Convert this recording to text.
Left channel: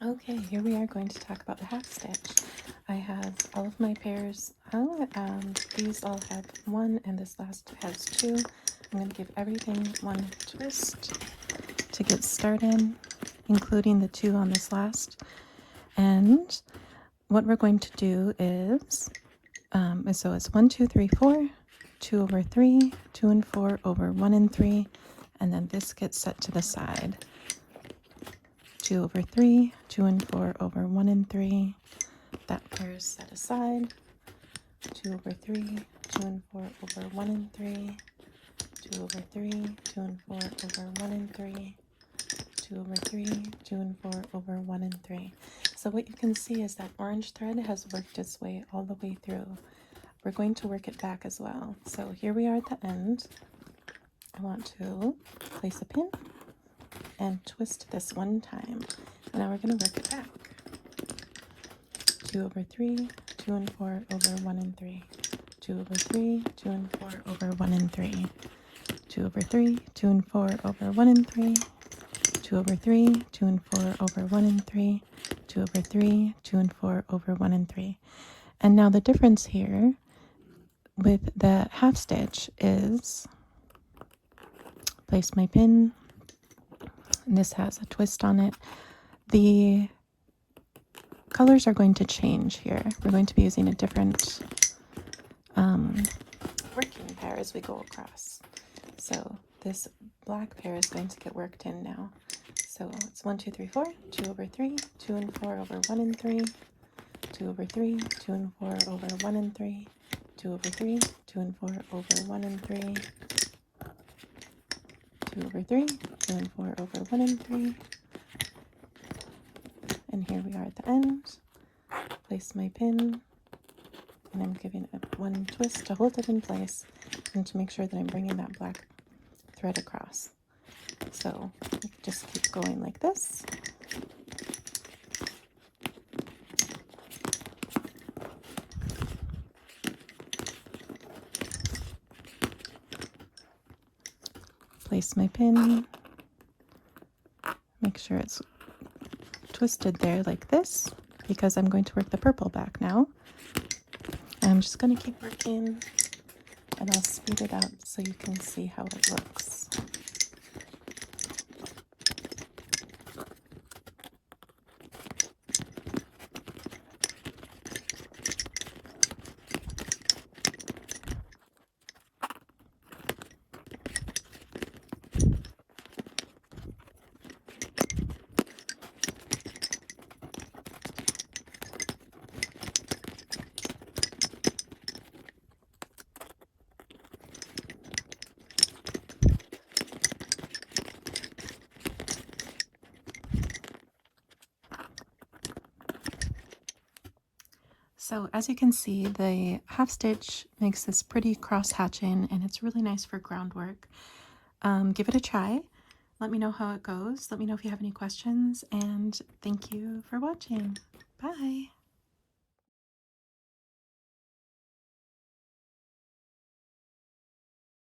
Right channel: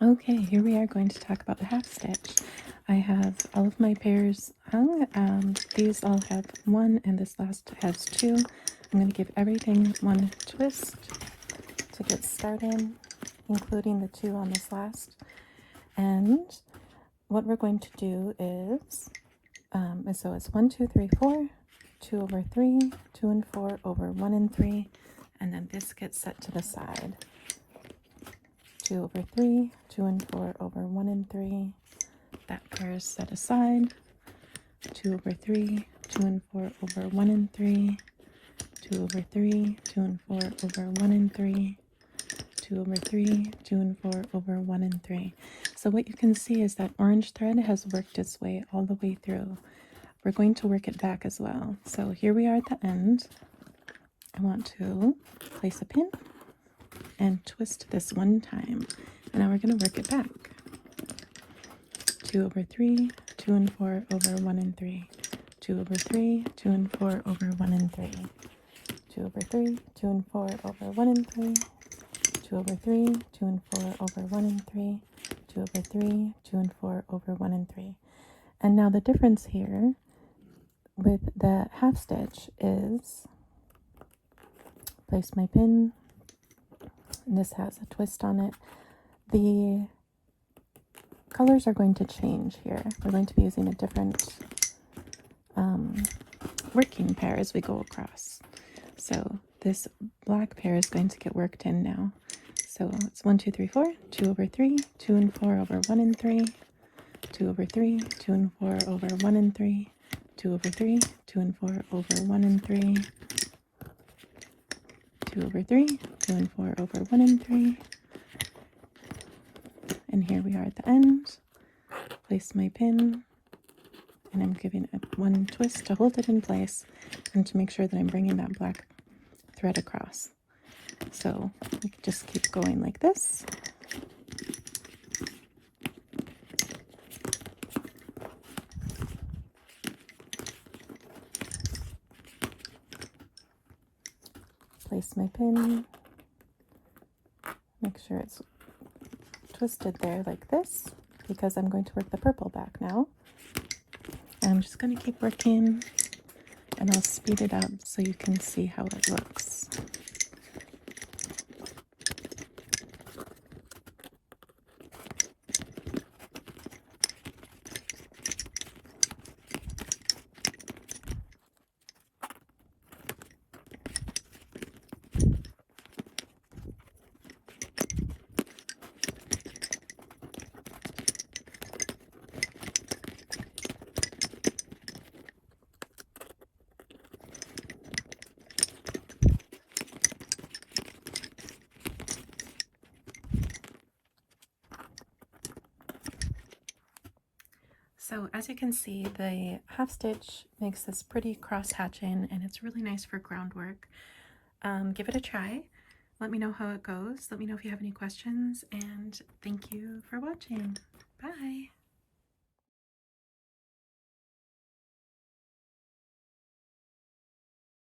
Okay, here we are going to talk about the half stitch. I have all of my pairs hung. These all have one and this last has two. I'm going to give everything one twist to get started, including the two on this last. And what we're going to do is, so it's 1, 2, 3, 4, 2 over 3, 2 and 4 over 1 and 3, and then this gets set to the side. 2 over 3, 2 and 4 over 1 and 3. That pair is set aside. 2 over 3, 2 and 4 over 1 and 3. 2 over 3, 2 and 4 over 1 and 3. 2 over 3, 2 and 4 over 1 and 3. So what you can see is that orange thread has worked its way all the way through. We're going to work it back as well. So here we are at the end. I want to place a pin and twist this one time. And now we're going to work it back. 2 over 3, 2 and 4 over 1 and 3. 2 over 3, 2 and 4 over 1 and 3. 2 over 3, 2 and 4 over 1 and 3. 2 over 3, 2 and 4 over 1 and 3. 2 over 3, 2 and 4 over 1 and 3. And now the difference here with the half stitch is, place my pin, and this has a twist on it. The colors are going to change here. We're going to be using a different working pair as we go across. So this black pair is going to get worked in now. So it's 1, 2, 3, 4, 2 over 3, 2 and 4 over 1 and 3, 2 over 3, 2 and 4 over 1 and 3, 2 over 3, 2 and 4 over 1 and 3, 2 over 3, 2 and 4 over 1 and 3, and here we are at the end. Place my pin, and I'm giving it one twist to hold it in place and to make sure that I'm bringing that black thread across. So you can just keep going like this. Place my pin, make sure it's twisted there like this, because I'm going to work the purple back now. And I'm just going to keep working, and I'll speed it up so you can see how it looks. So as you can see, the half stitch makes this pretty cross hatching, and it's really nice for groundwork. Give it a try. Let me know how it goes. Let me know if you have any questions, and thank you for watching. Bye!